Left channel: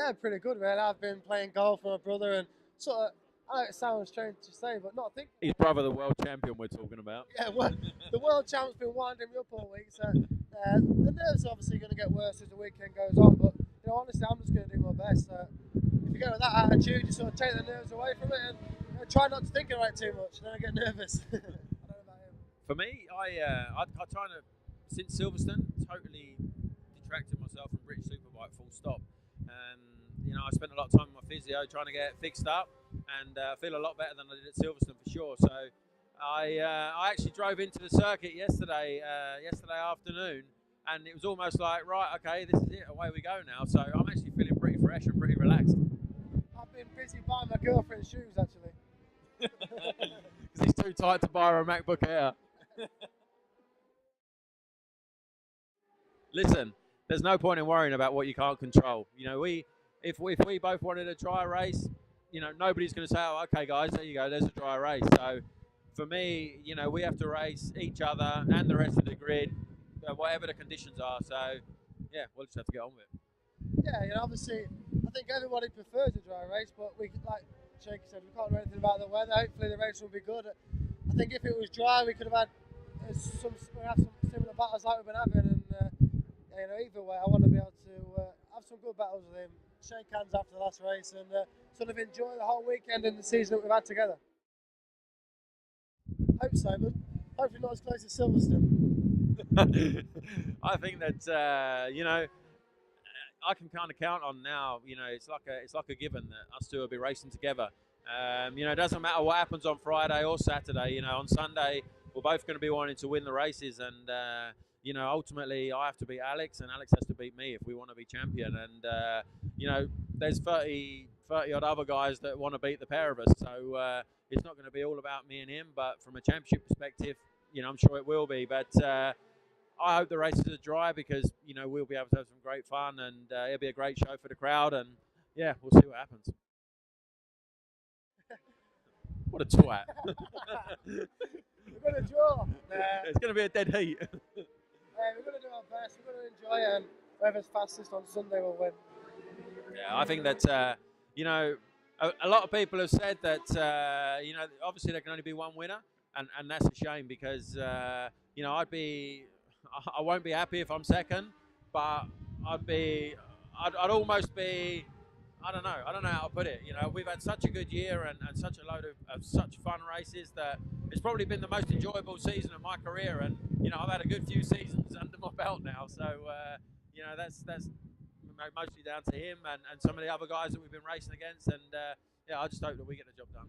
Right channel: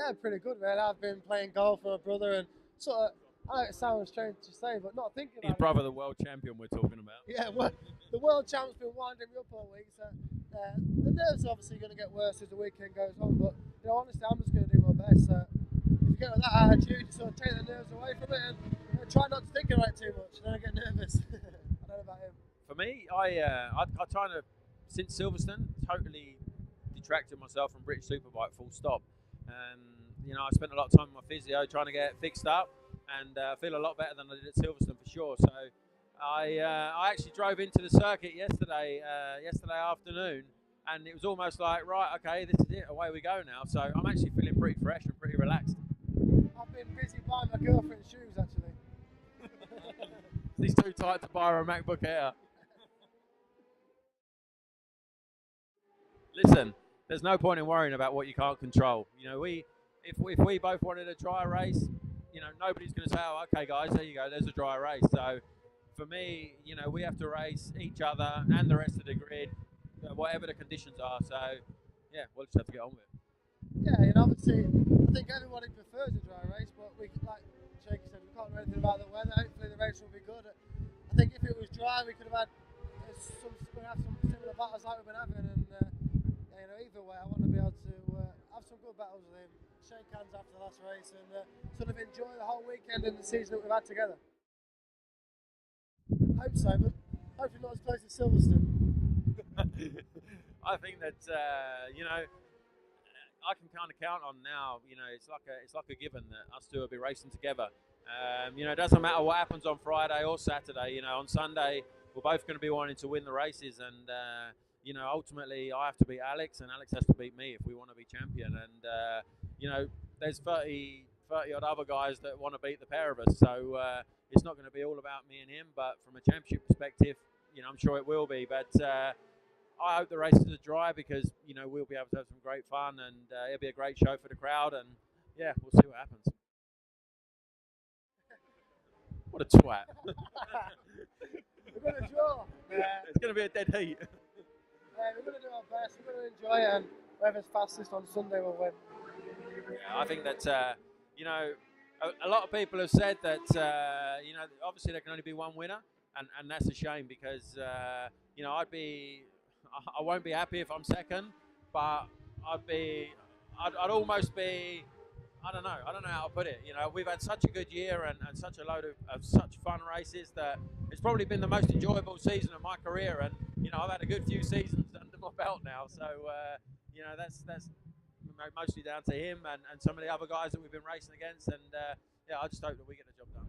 Yeah, pretty good, man. I've been playing golf with my brother and sort of, I know it sounds strange to say, but not thinking His about it. brother, the world champion, we're talking about. Yeah, well, the world champ's been winding me up all week, so the nerves are obviously going to get worse as the weekend goes on. But honestly, I'm just going to do my best. If you go with that attitude, you sort of take the nerves away from it and try not to think about it too much. Then I get nervous. I don't know about him. For me, I try to, since Silverstone, totally detracted myself from British Superbike full stop. I spent a lot of time with my physio trying to get fixed up, and feel a lot better than I did at Silverstone for sure. So I actually drove into the circuit yesterday afternoon, and it was almost like, right, okay, this is it, away we go now. So I'm actually feeling pretty fresh and pretty relaxed. I've been busy buying my girlfriend's shoes actually. Because he's too tight to buy her a MacBook Air. Listen, there's no point in worrying about what you can't control. If we both wanted a dry race, nobody's going to say, oh, okay, guys, there you go, there's a dry race. So for me, we have to race each other and the rest of the grid, whatever the conditions are. So, yeah, we'll just have to get on with it. Yeah, obviously, I think everybody prefers a dry race, but like Shaky said, we can't do anything about the weather. Hopefully the race will be good. I think if it was dry, we could have had some similar battles like we've been having, and either way, I want to be able to have some good battles with him, shake hands after the last race, and sort of enjoy the whole weekend and the season that we've had together. Hope so, man. Hopefully not as close as Silverstone. I think that I can kind of count on now. It's like a given that us two will be racing together. It doesn't matter what happens on Friday or Saturday. On Sunday we're both going to be wanting to win the races, and ultimately I have to beat Alex, and Alex has to beat me if we want to be champion. And there's 30 odd other guys that want to beat the pair of us. So it's not going to be all about me and him. But from a championship perspective, I'm sure it will be. But I hope the races are dry because we'll be able to have some great fun, and it'll be a great show for the crowd. And yeah, we'll see what happens. What a twat! We're going to draw. It's going to be a dead heat. We're going to do our best. We're going to enjoy it, and whoever's fastest on Sunday will win. Yeah, I think that a lot of people have said that obviously there can only be one winner, and that's a shame because I won't be happy if I'm second, but I'd almost be. I don't know how to put it. We've had such a good year and such a load of such fun races that it's probably been the most enjoyable season of my career. And I've had a good few seasons under my belt now, so that's mostly down to him and some of the other guys that we've been racing against. And I just hope that we get the job done.